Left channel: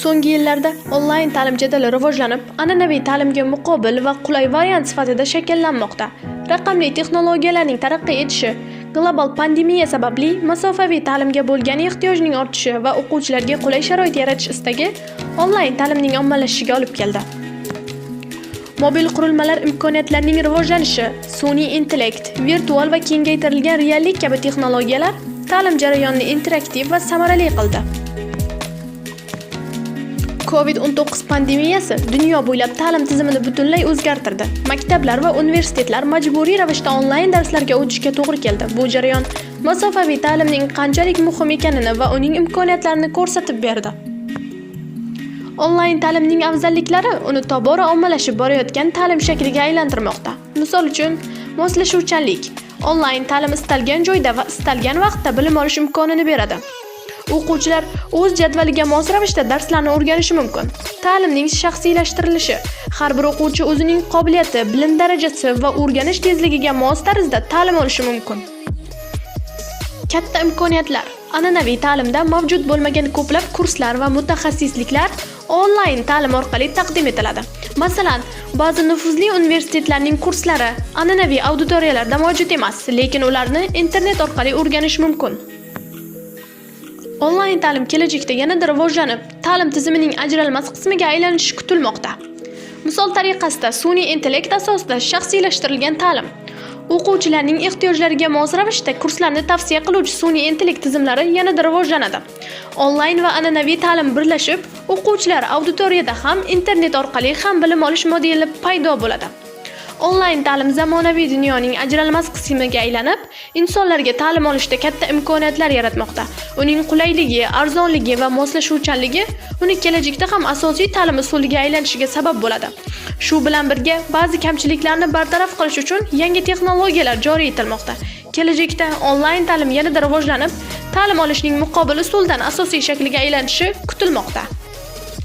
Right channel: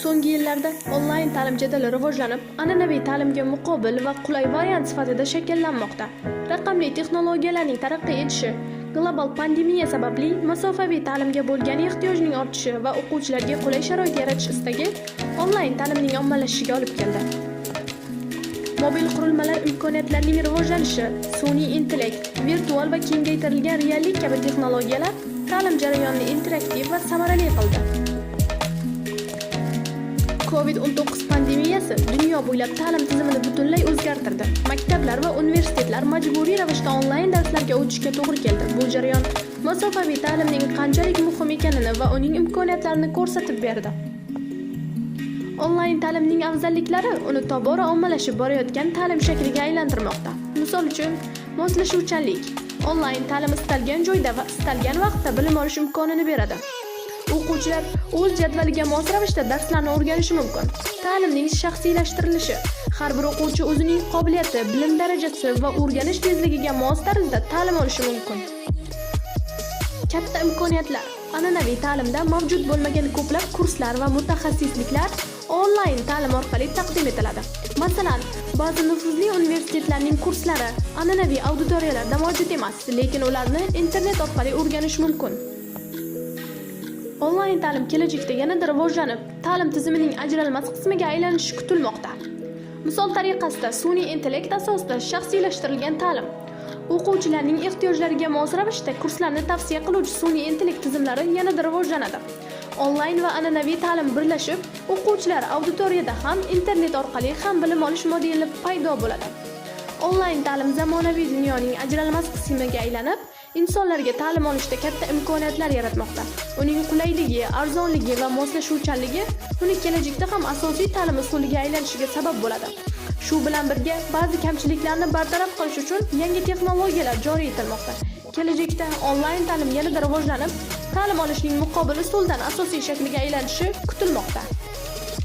So'nggi yillarda onlayn ta'lim jadali rivojlanib, an'anaviy ta'limga muqobil va qulay variant sifatida shakllanmoqda. Raqamli texnologiyalarning taraqqiy etishi, global pandemiya sababli masofaviy ta'limga bo'lgan ehtiyojning ortishi va o'quvchilarga qulay sharoit yaratish istagi onlayn ta'limning ommalashishiga olib keldi. Mobil qurilmalar imkoniyatlarining rivojlanishi, sun'iy intellekt, virtual va kengaytirilgan reallik kabi texnologiyalar ta'lim jarayonini interaktiv va samarali qildi. COVID-19 pandemiyasi dunyo bo'ylab ta'lim tizimini butunlay o'zgartirdi. Maktablar va universitetlar majburiy ravishda onlayn darslarga o'tishga to'g'ri keldi. Bu jarayon masofaviy ta'limning qanchalik muhim ekanini va uning imkoniyatlarini ko'rsatib berdi. Onlayn ta'limning afzalliklari uni tobora ommalashib borayotgan ta'lim shakliga aylantirmoqda. Misol uchun, moslashuvchanlik. Onlayn ta'lim istalgan joyda va istalgan vaqtda bilim olish imkonini beradi. O'quvchilar o'z jadvaliga mos ravishda darslarni o'rganishi mumkin. Ta'limning shaxsiylashtirilishi. Har bir o'quvchi o'zining qobiliyati, bilim darajasi va o'rganish tezligiga mos tarzda ta'lim olishi mumkin. Katta imkoniyatlar. An'anaviy ta'limda mavjud bo'lmagan ko'plab kurslar va mutaxassisliklar onlayn ta'lim orqali taqdim etiladi. Masalan, ba'zi nufuzli universitetlarning kurslari an'anaviy auditoriyalarda mavjud emas, lekin ularni internet orqali o'rganish mumkin. Onlayn ta'lim kelajakda yanada rivojlanib, ta'lim tizimining ajralmas qismiga aylanishi kutilmoqda. Misol tariqasida sun'iy intellekt asosida shaxsiylashtirilgan ta'lim, o'quvchilarning ehtiyojlariga mos ravishda kurslarni tavsiya qiluvchi sun'iy intellekt tizimlari yanada rivojlanadi. Onlayn va an'anaviy ta'lim birlashib, o'quvchilar auditoriyada ham internet orqali ham bilim olish modeli paydo bo'ladi. Onlayn ta'lim zamonaviy dunyoning ajralmas qismiga aylanib, insonlarga ta'lim olishda katta imkoniyatlar yaratmoqda. Uning qulayligi, arzonligi va moslashuvchanligi uni kelajakda ham asosiy ta'lim usuliga aylanishiga sabab bo'ladi. Shu bilan birga ba'zi kamchiliklarni bartaraf qilish uchun yangi texnologiyalar joriy etilmoqda. Kelajakda onlayn ta'lim yanada rivojlanib, ta'lim olishning muqobil usuldan asosiy shakliga aylanishi kutilmoqda.